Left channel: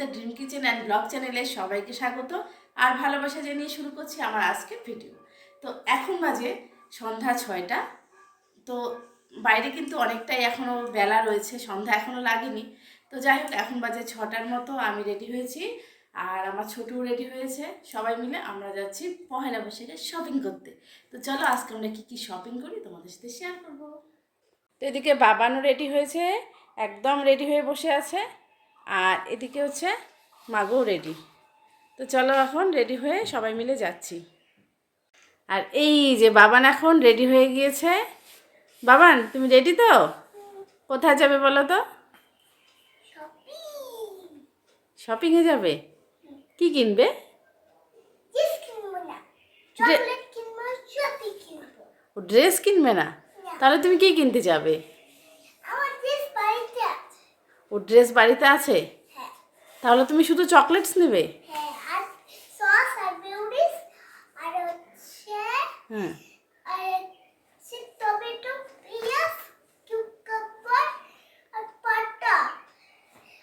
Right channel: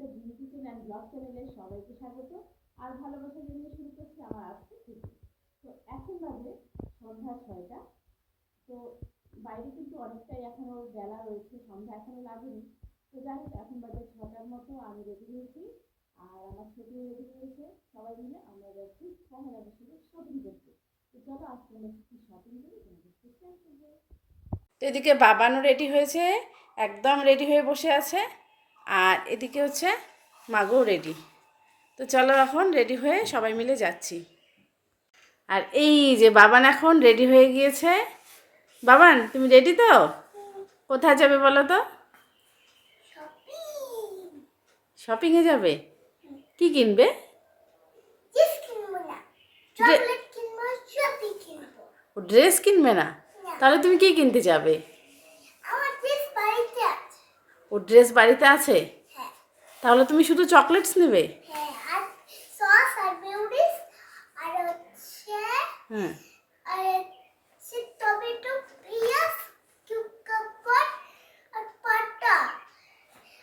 The dream kitchen and blog চ্যানেলে সবাইকে স্বাগত আর ভালোবাসা জানিয়ে শুরু করছি আমার আজকের ভিডিও। তো এখন বাজে সন্ধ্যা 6টা। তো বাইরে কিন্তু অনেকটাই এখনও বেলা রয়েছে, সন্ধ্যা এখনও লাগেনি। তো যাই হোক, এখন বাজে 6টার মতো, আমি রেডি হয়েছি আর আমার ছোটও রেডি হয়েছে। সবাই মিলে আমরা যাচ্ছি পহেলা বৈশাখে শপিং করতে। তো চলো আজকে আমরা কী কী শপিং করি তোমাদের সাথে শেয়ার করবো। তো এদিকে বাবানও রেডি হয়েছে, একদম রেডি হয়ে বসে আছে। আর এদিকে হচ্ছে মাগও রেডি। তো চলো এখন রেডি হয়ে সবাই মিলে যাচ্ছি। আর এই যে বাবান এখন রেডি হয়ে গিয়েছে। বাবান, তুমি রেডি তো? কোথায় যাবে বলো তো? শপিংয়ে যাবে? কি কিনবে? ও ড্রেস কিনবে না? তাহলে তুমি কি কিনতে যাবে? ও ড্রেস বাড়িতে আছে? তাহলে তুমি শুধু চকলেটস নেবে? হ্যাঁ।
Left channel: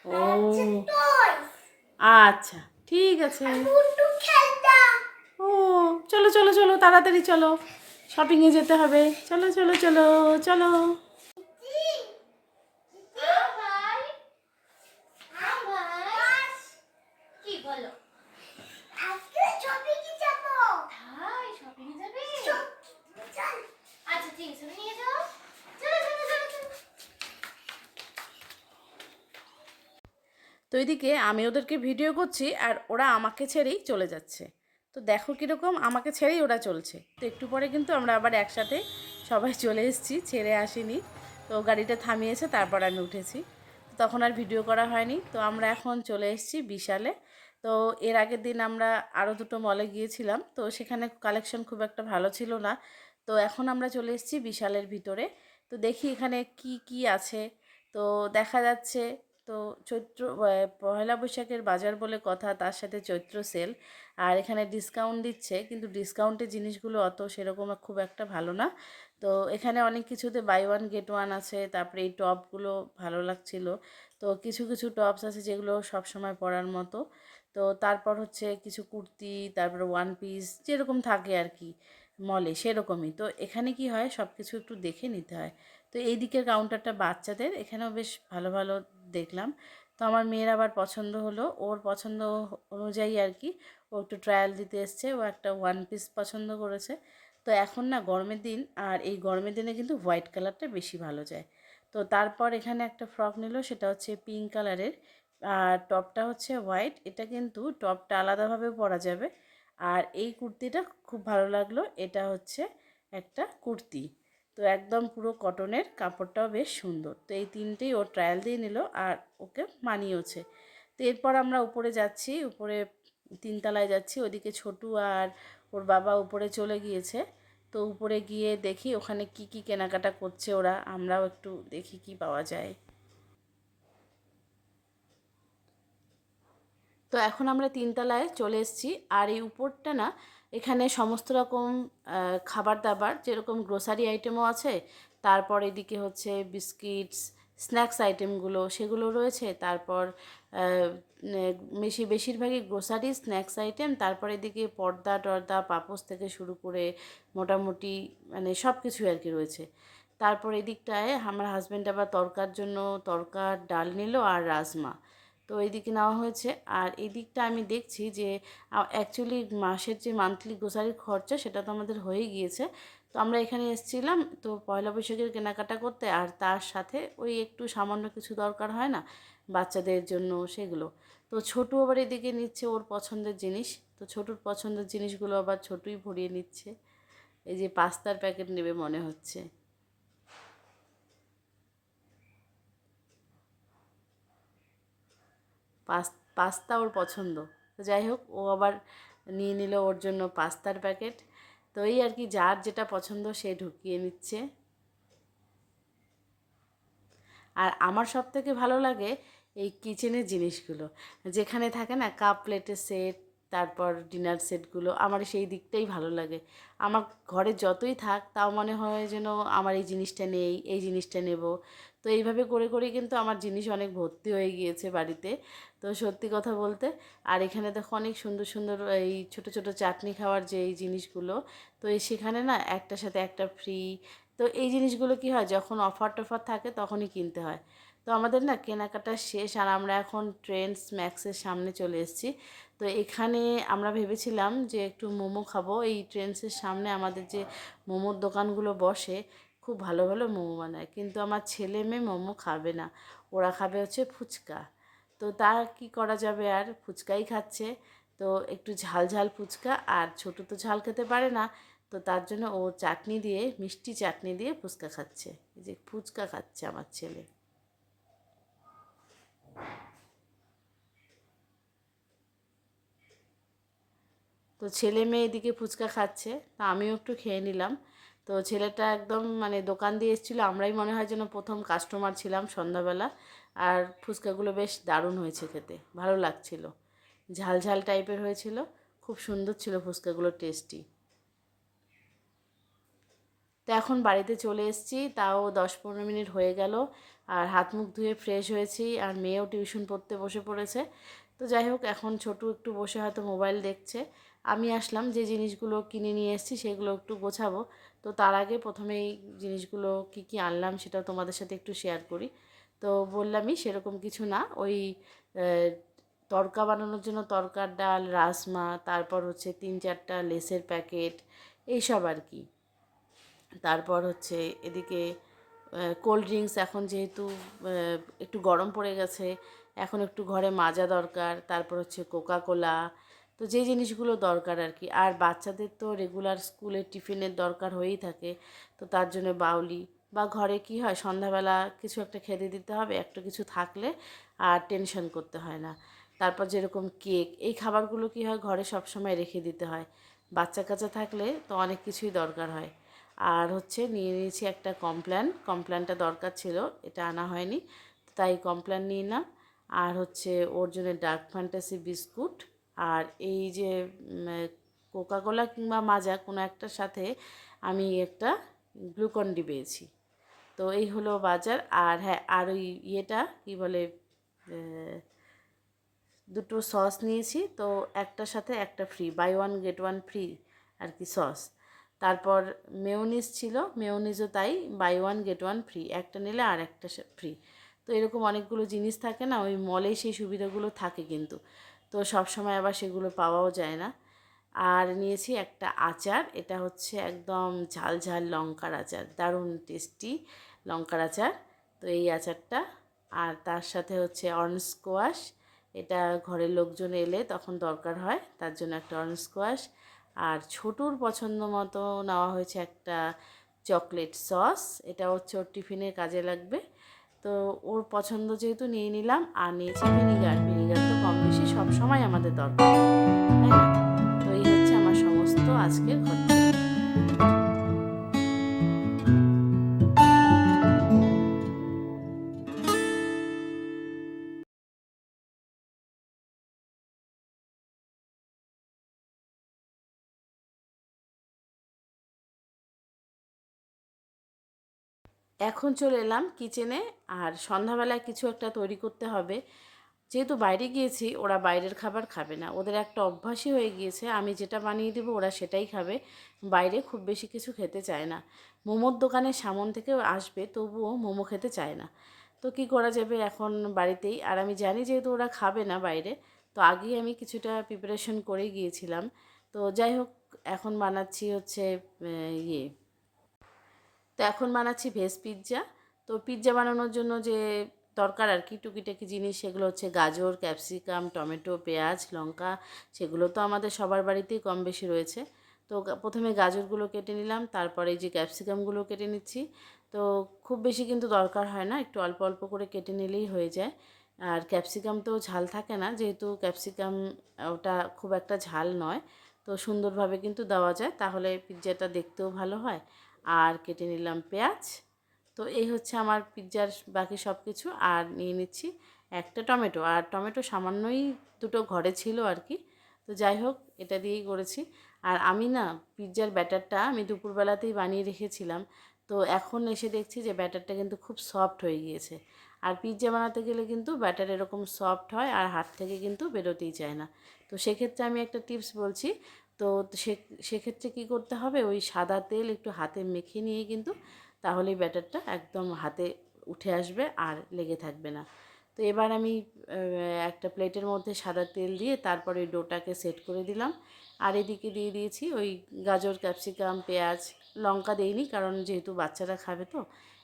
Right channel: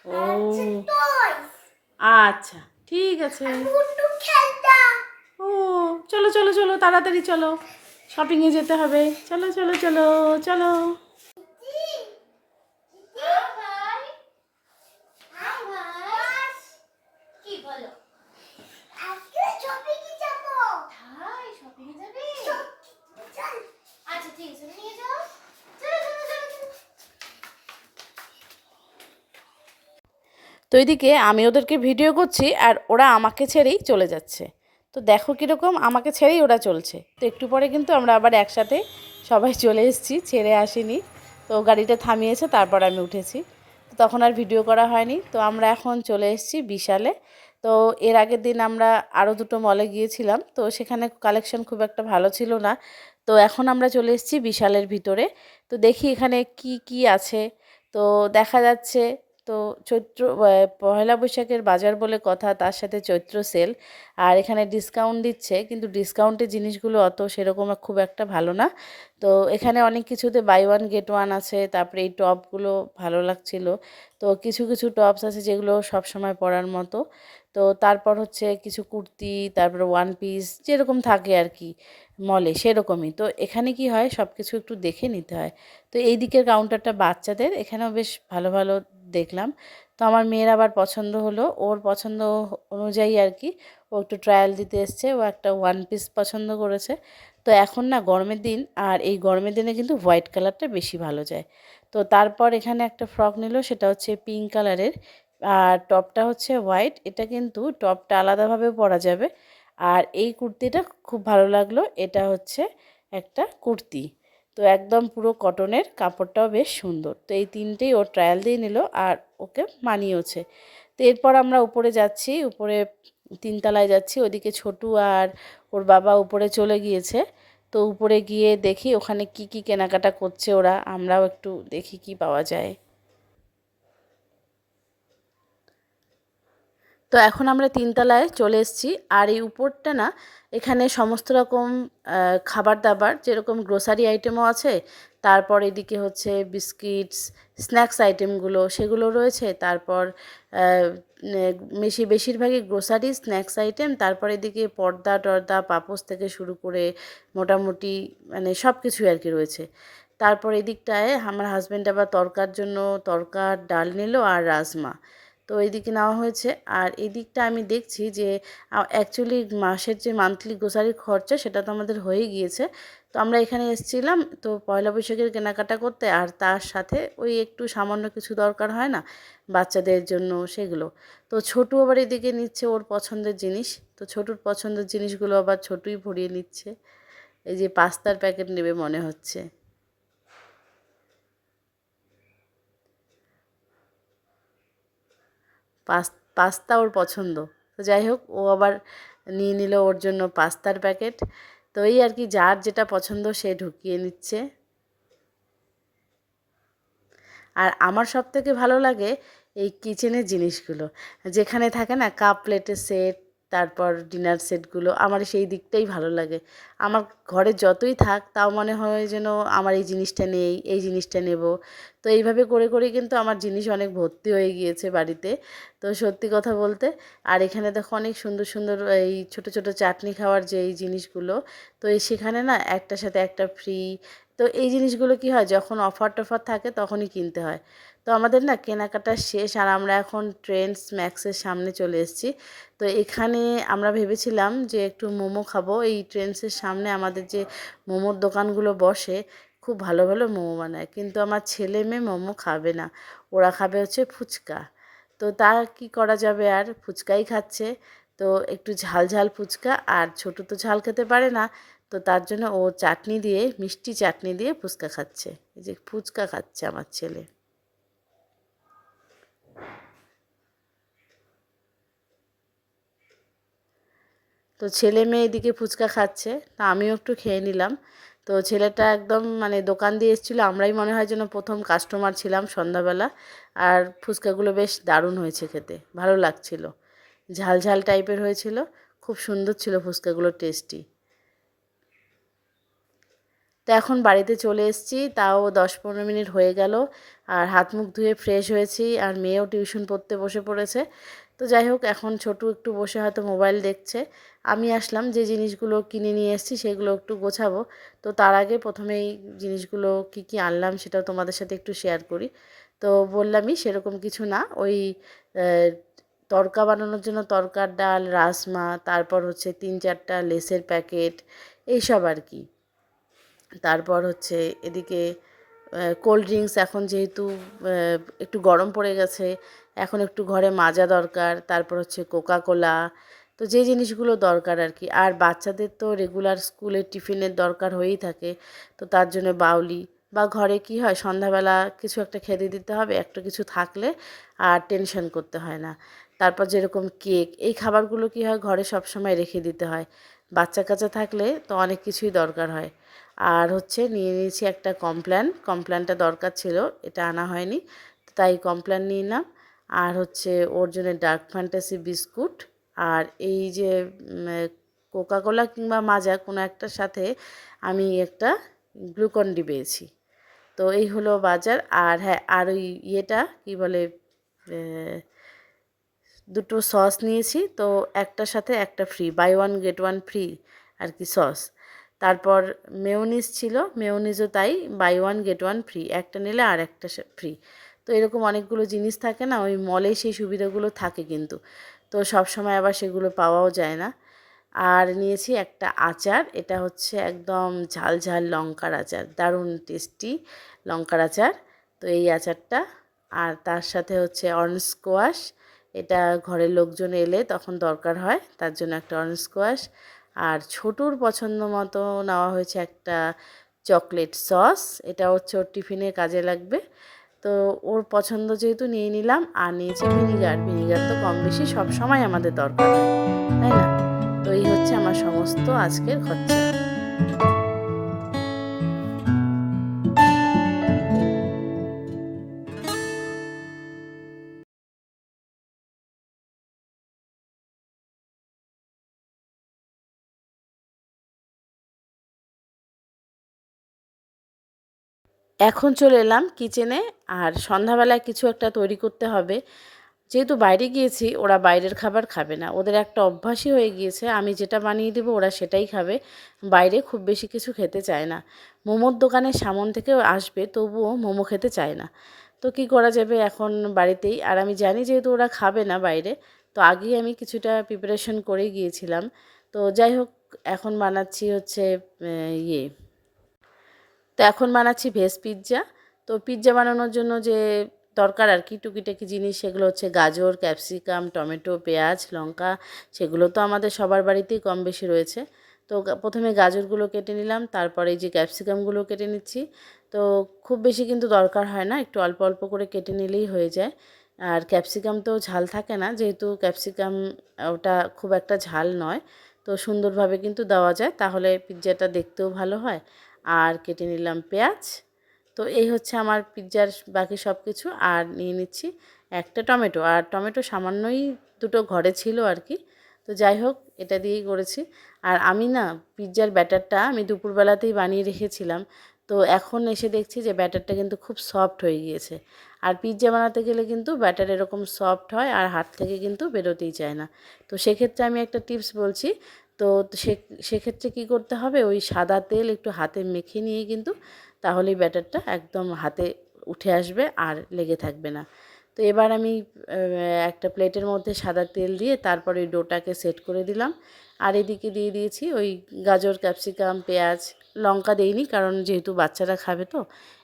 ও আচ্ছা, ঠিক আছে। ও চলো চলো চলো, তাড়াতাড়ি চলো, শপিংয়ে যেতে হবে। চলো চলো চলো চলো। তো এদিকে আমি ওদেরকে ভিডিও করছি আর ওরা আমাকে ছেড়েই চলে যাচ্ছে। তো দেখো কীরকম, আমাকে ছেড়েই ওরা চলছে। তো একটু পরে কিন্তু আমরা আবার একসাথে সবাই চলে এসেছি, ছেড়ে আসিনি। তো গাড়িটা থামিয়েছে, তারপর আমি উঠেছি। তো তখন আর ভিডিও করা হয়নি। তো আমরা এখন চলে এসেছি বিশালে। তো এর আগের দিন আমরা আরও দুটো মলে গিয়েছিলাম, তো সেখানে কালেকশন খুব একটা ভালো ছিল না। তো এখন আমরা চলে এসেছি বিশালের ভিতরে। তো দেখি এখানে কি কি আছে। তো দেখা যাচ্ছে, তো চৈত্র পয়লা বৈশাখের বাজার বলে কথা, তার সাথে চৈত্র সেল। আর এখানে ডিসকাউন্ট দিচ্ছে, কিন্তু ডিসকাউন্টের জিনিসগুলো অত সেরকম খুব একটা ভালো না। তো এখানে অনেক কিছুতে বাই ওয়ান গেট ওয়ান আছে। তারপরে এই টপগুলো ভালো লাগছিল। তো কিছু কিছু টপস আছে যেগুলো সব সময় পরার মতো। তো তারপর হচ্ছে কিছু কুর্তি, তারপরে ওয়ান পিস যেরকম থাকে আর কি মলে, সেরকমই। তো এখানে কি হয়, সব কিছু একটু দেখে নিতে হয়। তো এই দিকের কাউন্টারটা বাচ্চাদের, এখানেও বেশ ভালো ভালো দেখলাম। তো আমার মেয়ের আবার পছন্দ হলো, ওর পছন্দ অনুযায়ী আর কি ও একটু ট্রায়াল দিতে এসছে। ও একটা ওয়ান পিস পছন্দ করেছে। তো এখন না গরমের দিন, আর এই গরমের দিনে কিন্তু হোয়াইট কালারটা বেশি ভালো যায়। তো তারপর এখানে একটা ফ্রক নিল, সেটা হচ্ছে পিঙ্ক কালারের। আর টপটা হচ্ছে হোয়াইট। এটা কিন্তু টপটা আলাদাভাবে পরা যাবে। আর এই কুর্তিটা খুব ভালো লাগলো, এটা হচ্ছে একটা কুর্তি। তো একদম পুরো কটনের, কাপড়টাও বেশ সুন্দর। তো এই তিনটেই ও ট্রায়াল দিয়ে নিল আর ওকে মানিয়েওছে। তো এরপর আমরা উপরে যাচ্ছি, উপরে তিনতলায় যাচ্ছি। ওদিকে ছোটু আর ওর বাবা উপরে চলে গিয়েছে। তো উপরে গিয়ে দেখি ওখানে কি কি কেনাকাটা করছে ওরা, আমরাও একটু দেখি কি পাওয়া যায়। তো এখন আমরা তিনতলায় চলে এসেছি। আর এই উপরটা না, এখানে সমস্ত রকম খাবার দাবার, যেরকম গ্রোসারি আইটেমও আছে। তারপর এদিকে হচ্ছে বিস্কিটস, স্ন্যাক্স আইটেমগুলো সেগুলো রয়েছে। তারপর বেশিরভাগই গ্রোসারি স্ন্যাক্স আইটেম। তারপর এদিকে পর্দা টর্দা, পাপোশ থেকে শুরু করে মোটামুটি মানে সব কিছুই আর কি রয়েছে। তারপর এদিকটায় আমার হাজব্যান্ড আবার তরকার জন্য তরকার ডাল নিল আর রাজমা। তো এইদিকে নেওয়া হয়েছে। আর এই দিকটা আমি দেখছি যে অ্যাকচুয়ালি মাসের যে মান্থলি গ্রোসারির খরচা, সেটা তো আমাদের হয়ে গিয়েছে। তো আমরা এখানে এসেছিলাম তো পয়লা বৈশাখের কেনাকাটা করতে, আর তার সাথে ওই একটু সামান্য কিছু দরকার হয় না বাচ্চাদের জন্য, সেগুলো। তো ছোটু আবার এদিকে নিচ্ছে ওর পছন্দের জিনিস। তো ছোটুর পছন্দের জিনিসগুলো আবার ছোটুই ভরিয়ে নিচ্ছে। এই যে পাস্তার প্যাকেট নেবে মনে হচ্ছে। পাস্তা ওর পছন্দ। তো যাই হোক, ও আবার নিয়ে নিল ওর জন্য পাস্তার প্যাকেট। তো এই আর কি, যার যেটা পছন্দ সে ঢুকিয়ে নিচ্ছে। আর আমার সবথেকে ভালো লাগে এই কিচেনের জিনিসগুলো, যেখানে থাকে না কাপ প্লেটের সেট, তারপর ডিনার সেটগুলো, আমার সেই দিকটাই ভালো লাগে। আমার ঘরে যতই থাক তাও মনে হয় যেন আমার এই জিনিসটা নেই, এই জিনিসটা নেব। তো এইভাবে করে করেই কিন্তু আমার জিনিস অনেক ভর্তি হয়ে গিয়েছে বাড়িতে। তো সত্যি কথা বলতে, আর এখানে দেখো অনেক সুন্দর সুন্দর এই ছোট ছোট চাটনি খাওয়ার যে এই জিনিসগুলো, তো এই সেখানে না একটার সাথে একটা ফ্রি। তো এই জিনিসগুলো কি হয়, যখন অফার টফার থাকে তখনই কিনতে হয়। তো আমাদের না কেনাকাটা শেষ, আর আমরা এখন ট্রেন্ডস ম্যাক্সের সামনে চলে এসেছি। তো এখানে আমরা ভেবেছিলাম যে একটু মোমো খাবো। এই ট্রেন্ডসের সামনে আমাদের যে মোমোর দোকানগুলো বসে, খুব ভালো ভালো মোমো বানায়, কিন্তু আমার ছেলে মেয়ে মোমো খাবে না, ওরা খাবে হচ্ছে ফুচকা। তো তা কি করা যাবে, আর ফুচকাই খাচ্ছে। তো একটু ঝাল ঝাল ফুচকা, আর ছোটো তো ঝাল খেতে পারে না, তো তার জন্য ও চাটনি দিয়ে, মিষ্টি চাটনি দিয়ে ফুচকা খাচ্ছে। এই যে ফুচকা খাচ্ছে আমার ছেলে। তো ছেলে মেয়ে এদিকে ফুচকা খাচ্ছে, তা আমিও একটু খেয়ে নিলাম। তো ছেলেটা একদম মানে দোকান দিয়ে এসেছিলো, আমরাই মনে হয় যেন প্রথম কাস্টমার ছিলাম সন্ধ্যাবেলা। আর ফুচকাগুলো বেশ দারুণ হয়েছে খেতে, ভালো লাগছিল, ঝাল ঝাল টাইপের হয়েছিল, খুব সুন্দর ছিল ফুচকাগুলো, টেস্টি। তো এখন বাড়িতে চলে এসেছি, তাও 10-15 মিনিট হয়ে গেল। আর হাত মুখ ধুয়ে ফ্রেশ হয়েছি, আর মেয়েও টিউশন পড়তে বসে পড়েছে। তো যাই হোক, এখন ছোটু একটু বসে হয়তো মোবাইল দেখছে। আমি আসলাম, যে জিনিসগুলো কিনে নিয়ে এসেছি সেগুলো একটু গোছাবো। তো তার আগে প্রথমেই জিনিসগুলো কি কি আনলাম সেটাও তোমাদের সাথে একটু শেয়ার করি। তো বললামই সেরকম কিছু না, ওই তড়কা বানানোর জন্য তড়কার ডাল, রাজমা, তারপর হচ্ছে 3-4টা লেসের প্যাকেট, এইসব আর কি। তারপর হচ্ছে এদিকে কোল্ড ড্রিঙ্কস, এখন যেহেতু একটু গরম পড়ে গেছে, এখন একটু ঘরে মাজা দরকার। তারপর হচ্ছে কোকা কোলা, তো যে জিনিসগুলো দরকার আর কি। আর বাচ্চাদের তো রেগুলার স্কুলের টিফিনের দরকার হয়েই থাকে, তো তার জন্য বাউলি, বা ঘরে কি হয় সন্ধ্যাবেলা কিছু একটা খেতে দিতে হবে, একটা কিছু থাকলে আর টেনশন করতে হয় না। তারপর যেরকম কেক, এই খাবারগুলো কি হয় ঘরে সব সময় রেখে দিতে হয়, বাচ্চা কাচ্চা থাকলে তো অনেক কিছুই দরকার হয়। আর হচ্ছে নিয়ে নিয়েছি একটা কমপ্ল্যান, কমপ্ল্যানটা দরকার ছিল, এটা আনা হয়নি, তাই কমপ্ল্যান নিয়ে নিলাম। আর হচ্ছে ওর জন্য ডার্ক ফ্যান্টাসি বিস্কুট, আর এই যে কোকাকোলা কিংবা মাজা কোনো একটার সাথে আমি একটা গ্লুকন ডি পেয়েছি। তো এই হলো বাজার। আর হ্যাঁ, আর ওই ইয়েটা কী বলে, দুটো সস নিয়েছি, তো একটার সাথে একটা free, buy one get one free আর কি সস। তারপর মেয়োনিজ ছিল, মেয়োনিজও তাই, buy one get one free, একটা নিলে আর একটা ফ্রি। তো এরকম অনেকগুলো জিনিস থাকে না, ওই মলে সেই সুবিধাগুলো থাকে কিন্তু, তো সব সময় আবার সেগুলো পাওয়াও যায় না। আর নিয়েছি একটা আচার, এটা হচ্ছে একদম ঝাল ঝাল লঙ্কার আচার, দারুণ টেস্টি লঙ্কার আচার। তো এই আচারটা, আর তার সাথে হচ্ছে অরেঞ্জ স্কোয়াশ, এটা ঘরের লোকজন এলে তখন দরকার হয়, তার জন্য একটা অরেঞ্জ স্কোয়াশ। আর ছোটুর পছন্দ মতো নেওয়া হয়েছে একটা চকলেট সস, এটা হচ্ছে ওর টিফিনে কাজে লাগবে। তো ওর পছন্দ যেহেতু নিয়ে নিলাম। আর নিয়েছি ভিনিগার, ভিনিগার তো কম বেশি সব সময় আমাদের দরকার হয়, তাই না? তো এই হচ্ছে আমার সমস্ত আজকের খরচা। এখন চলে এলাম কিচেনে, আর সন্ধ্যাবেলায় কিছু একটা তৈরি করতে হবে। যেহেতু বাইরে গিয়েছি, ওরা বাইরের খাবার খাবে না, ওদের একটা অভ্যাসই হয়ে গিয়েছে, আমি যেটা বানিয়ে দেবো ওরা সেটাই খাবে, বাইরে খুব বেশি কিছু খেতে চায় না। মোমোর দোকানের সামন থেকেও আসবে, তবুও মোমো খেতে চায় না। তো কি করা যাবে এখন বাড়িতেই, আর আমি জানি যেহেতু ওরা খাবে না বাইরে, তো আগেই আমি কিছুটা প্রিপারেশন করে গিয়েছিলাম। তো যাই হোক, এখন বানাচ্ছি হচ্ছে ইয়ে তো এখন বানাচ্ছি ভেজ পিৎজা। তো পিৎজা বানানোর জন্য যে দরকার আর কি টুকিটাকি জিনিস, সেগুলো হচ্ছে গাজর, ক্যাপসিকাম, টমেটো, পেঁয়াজ, লঙ্কা, সেগুলো তো আমাদের সবার বাড়িতেই কম বেশি রয়েছে। তো প্রথমে গাজরগুলো কেটে নিলাম, তারপরে এই যে ক্যাপসিকামগুলো কেটে নিচ্ছি। তো খুব বেশি কিন্তু দরকার হয় না, একটু অল্প অল্প করে কেটে নিলেই হয়ে যায়। আর ক্যাপসিকাম তো ঝাল থাকে না, যেহেতু ক্যাপসিকাম ওটা খুব একটা ঝাল নয়, তো সুন্দরভাবে কিন্তু দেওয়া যায়, তাহলে পিৎজাটা দেখতেও ভালো হয়। আর কেটে নিলাম পেঁয়াজ। তো এই হচ্ছে আমার পিৎজার বাকি সব কিছু। আর নিয়ে নিচ্ছি একটা টমেটো, আর টমেটো সামান্যই দুটো ঘরে ছিল আর কি, তো যাই হোক, এটা দিয়েই করেছি। আর আমি না পিৎজার ব্যাটারটা আমি দুপুরবেলাতেই বানিয়ে রেখেছিলাম। তো এখন এসে দেখছি যে ব্যাটারটা কিন্তু খুব সফট হয়ে গিয়েছে। আর পিৎজা বানাতে গেলে কিন্তু ব্যাটার এরকম সফট হয় আর হাত থেকে কিন্তু বেরোতেই চায় না। তো সেক্ষেত্রে আমি একটা টিপস বলছি। তো সেক্ষেত্রে কী করতে হবে, ওই সাদা তেল একটু হাতে মেখে নিয়ে কিন্তু তাহলেই ব্যাটারটা একদম হাতে উঠে আসবে আর লেগে থাকবে না। তো এবার আমি একটা প্লেটের মধ্যে সাদা তেল দিয়ে তারপরে ওই ডোটাকে সেট করে দিলাম। আর এদিকে দিয়ে দিয়েছি ওই গাজর, ক্যাপসিকাম, পেঁয়াজ, লঙ্কা দেইনি কারণ যেহেতু বাচ্চারা খাবে তো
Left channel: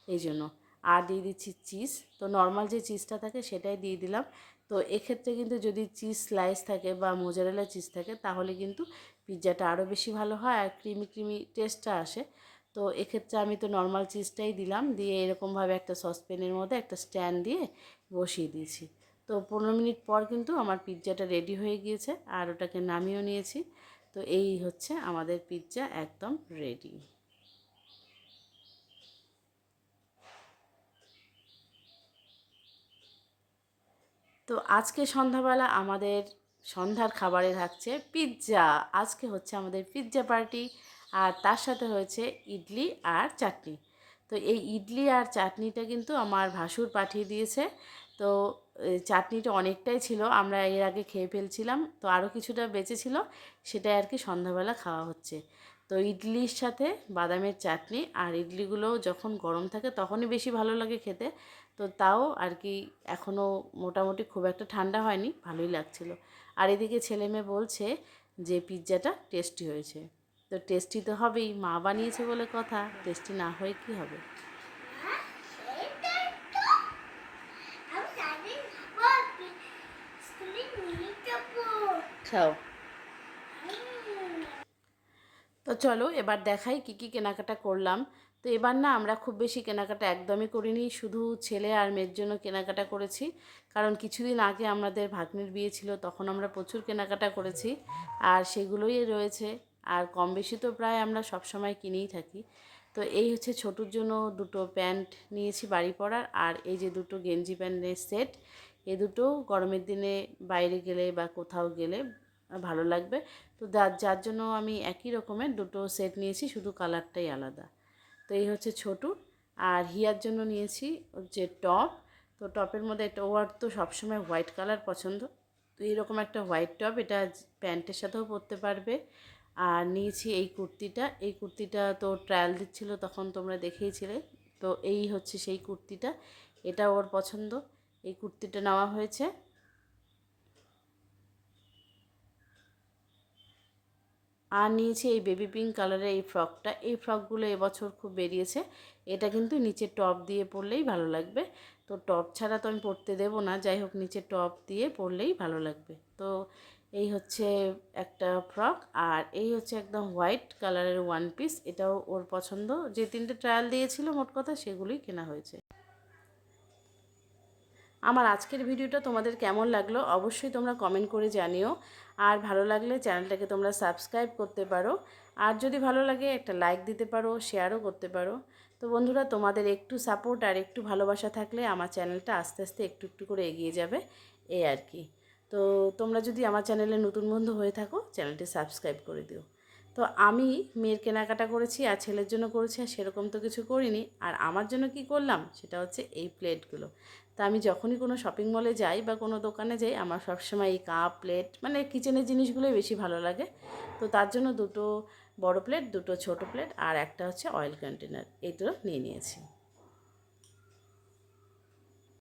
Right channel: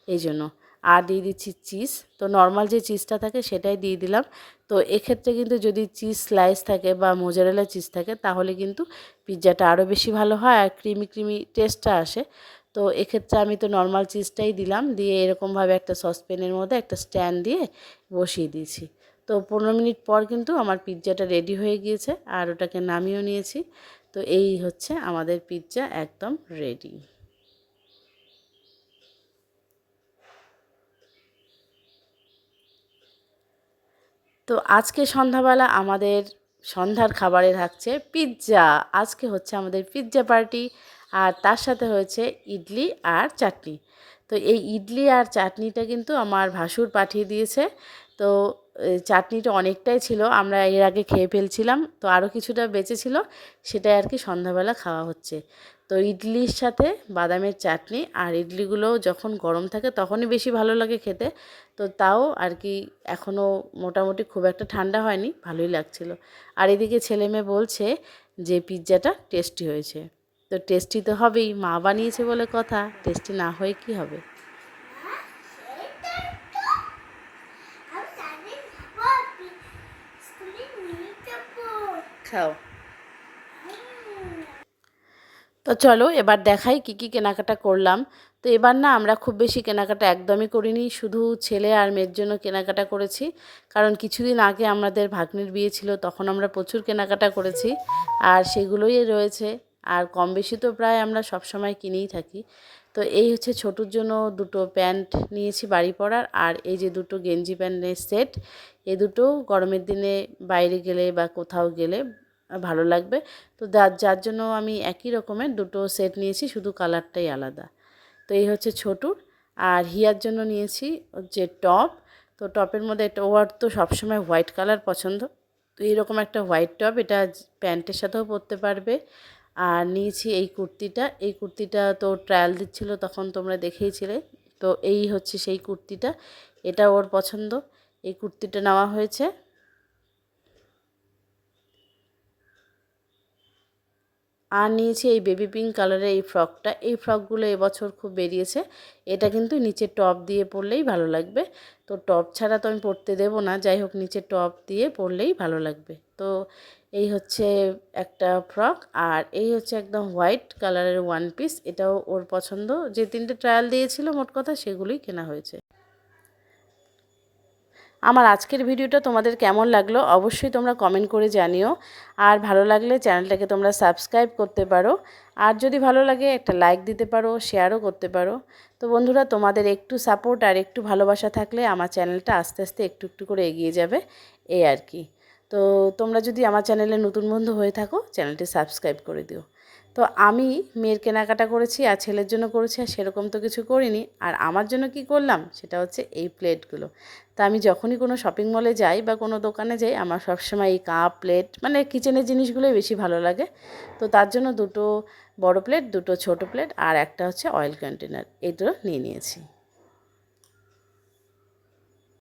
এই জন্য। আর দিয়ে দিচ্ছি চিজ। তো নর্মাল যে চিজটা থাকে সেটাই দিয়ে দিলাম। তো এক্ষেত্রে কিন্তু যদি চিজ স্লাইস থাকে বা মোজারেলা চিজ থাকে তাহলে কিন্তু পিৎজাটা আরও বেশি ভালো হয় আর ক্রিমি ক্রিমি টেস্টটা আসে। তো এক্ষেত্রে আমি তো নর্মাল চিজটাই দিলাম, দিয়ে এরকমভাবে একটা সসপ্যানের মধ্যে একটা স্ট্যান্ড দিয়ে বসিয়ে দিয়েছি। তো 15 মিনিট পর কিন্তু আমার পিৎজাটা রেডি হয়ে গিয়েছে আর ওটাকে নামিয়েও নিয়েছি। তো এই হচ্ছে আমাদের পিৎজা একদম রেডি। তো আজকে সন্ধ্যাবেলা আমাদের সন্ধ্যার খাবারে থাকছে পিৎজা। আজকে হচ্ছে আমাদের পিৎজা পার্টি। আর তার সাথে হয়েছে ইডলি আর চাটনি। তো এই ইডলি আর চাটনিটা কিন্তু আমার ভাসুর পাঠিয়ে দিয়েছে। তো চাটনিটা অনেকটাই ছিল, আমরা এর আগে খেয়ে ফেলছিলাম, তো আরও কিছুটা বেঁচে ছিল, সেটাই আর কি সন্ধ্যাবেলা খাওয়া হচ্ছে। তো ইডলির সাথে বাদামের চাটনি, আর ইডলিগুলো যখন গরম থাকে তখনই বেশি ভালো লাগে খেতে। তো তাও আর কি এখনও মোটামুটি খুব একটা ঠান্ডা হয়নি, ভালোই লাগছিল। আর এদিকে ছেলে মেয়ে বলছে যে পিৎজাটা টেস্টি হয়েছে। তো টেস্টি তো হবেই, মা বানিয়েছে বলে কথা, টেস্টি না হয়ে কি হবে। খাও। তো চলো এবার দেখাই কি কি কেনাকাটা করলাম। তো এবার না আমরা খুব বেশি কেনাকাটা একদমই করিনি, শুধু ছেলে আর মেয়ের জন্য কেনাকাটা করেছি। কারণ কিছুদিন আগে আমাদের ভাগ্নির বিয়ে ছিল, তখন আমরা প্রচুর কেনাকাটা করেছি আর সেগুলোই রয়েছে। আর কম বেশি তো প্রায় আমরা সব সময় কিনেই থাকি। তো এই হচ্ছে ছোটোর জন্য দুটো প্যান্ট নিয়েছি বাড়ি পরার, আর এই যে দুটো গেঞ্জি প্যান্টের সেট, এ দুটো গরমের দিনে বাইরে গেলে বা কোথাও গেলে ভালো লাগবে। তো যার জন্য আমি একই রকমের দুটো সেট নিয়েছি, শুধু কালারটাই আলাদা। তো এই হচ্ছে ছোটুর। আর হিয়ার জন্য নিয়েছি হচ্ছে টপ। তো টপের মধ্যে এটা ওর তো সবসময় হোয়াইট কালার পছন্দ, তো এইরকম একটা হোয়াইট টপ, এটা প্যান্টের সাথেও পরতে পারবে। আর নিয়েছি এই কুর্তিটা, এই কুর্তিটা তো ট্রায়াল দিচ্ছিলো তখন তোমরা দেখেইছিলে। তো এই হচ্ছে সেই কুর্তিটা, এটা ওর পছন্দ, এই কুর্তিটা নেওয়া হয়েছে। আর নিয়েছি এই বেবি পিঙ্ক কালারের এই ফ্রকটা, এই ফ্রকগুলো এবছর খুব বেরিয়েছে। এটা কিন্তু নিচে টপ দিয়ে পরলেই ভালো লাগবে। তো টপ ছাড়া তো আমি পরতে দেবো না, যাই হোক নিচে টপ দিয়ে পরলেই ভালো লাগবে। তো এই হচ্ছে একটা ফ্রক, আর এই হচ্ছে একদম হোয়াইট কালারের ওয়ান পিস, এটাও ওর পছন্দ। যে তিনটে ট্রায়াল দিয়েছিল মোট কথা সেগুলোই কেনা হয়েছে। আমার আজকের ভিডিওটা তোমাদের কেমন লাগলো অবশ্যই তোমরা কমেন্ট করে জানিও। আর ভালো লাগলে চ্যানেলটাকে তোমরা সাবস্ক্রাইব করতে পারো। আর যদি ভালো লাগে একটা লাইক দিতে পারো, শেয়ারও করতে পারো। তো বন্ধুরা, তোমাদের একটু সাপোর্ট আর একটু ভালোবাসা থাকলে আমার চ্যানেলটা আস্তে আস্তে একটু একটু করে এগিয়ে যাবে, এই আর কি। তো তোমরা যদি আমার চ্যানেলে নতুন বন্ধু হয়ে থাকো, চ্যানেলটি সাবস্ক্রাইব করে দিও। তো আমি মেয়ের কেনাকাটা করেছি আর ছেলের জন্য করেছি, আর সেরকম তো কিছু করিনি। আর আমার জন্য কি করলাম সেটা হচ্ছে এই প্লেটগুলো। তা আমি যখনই কোনো শপিং মলে যাই বা কোনো দোকানে যাই, আমার সবসময় এই কাপ প্লেট মানে কিচেনের জিনিসগুলোই বেশি ভালো লাগে। তো তার জন্য দুটো বড় প্লেট, দুটো ছোট প্লেট আর একটা হচ্ছে অয়েল কন্টেনার, এই দুটো নিয়ে নিয়েছি।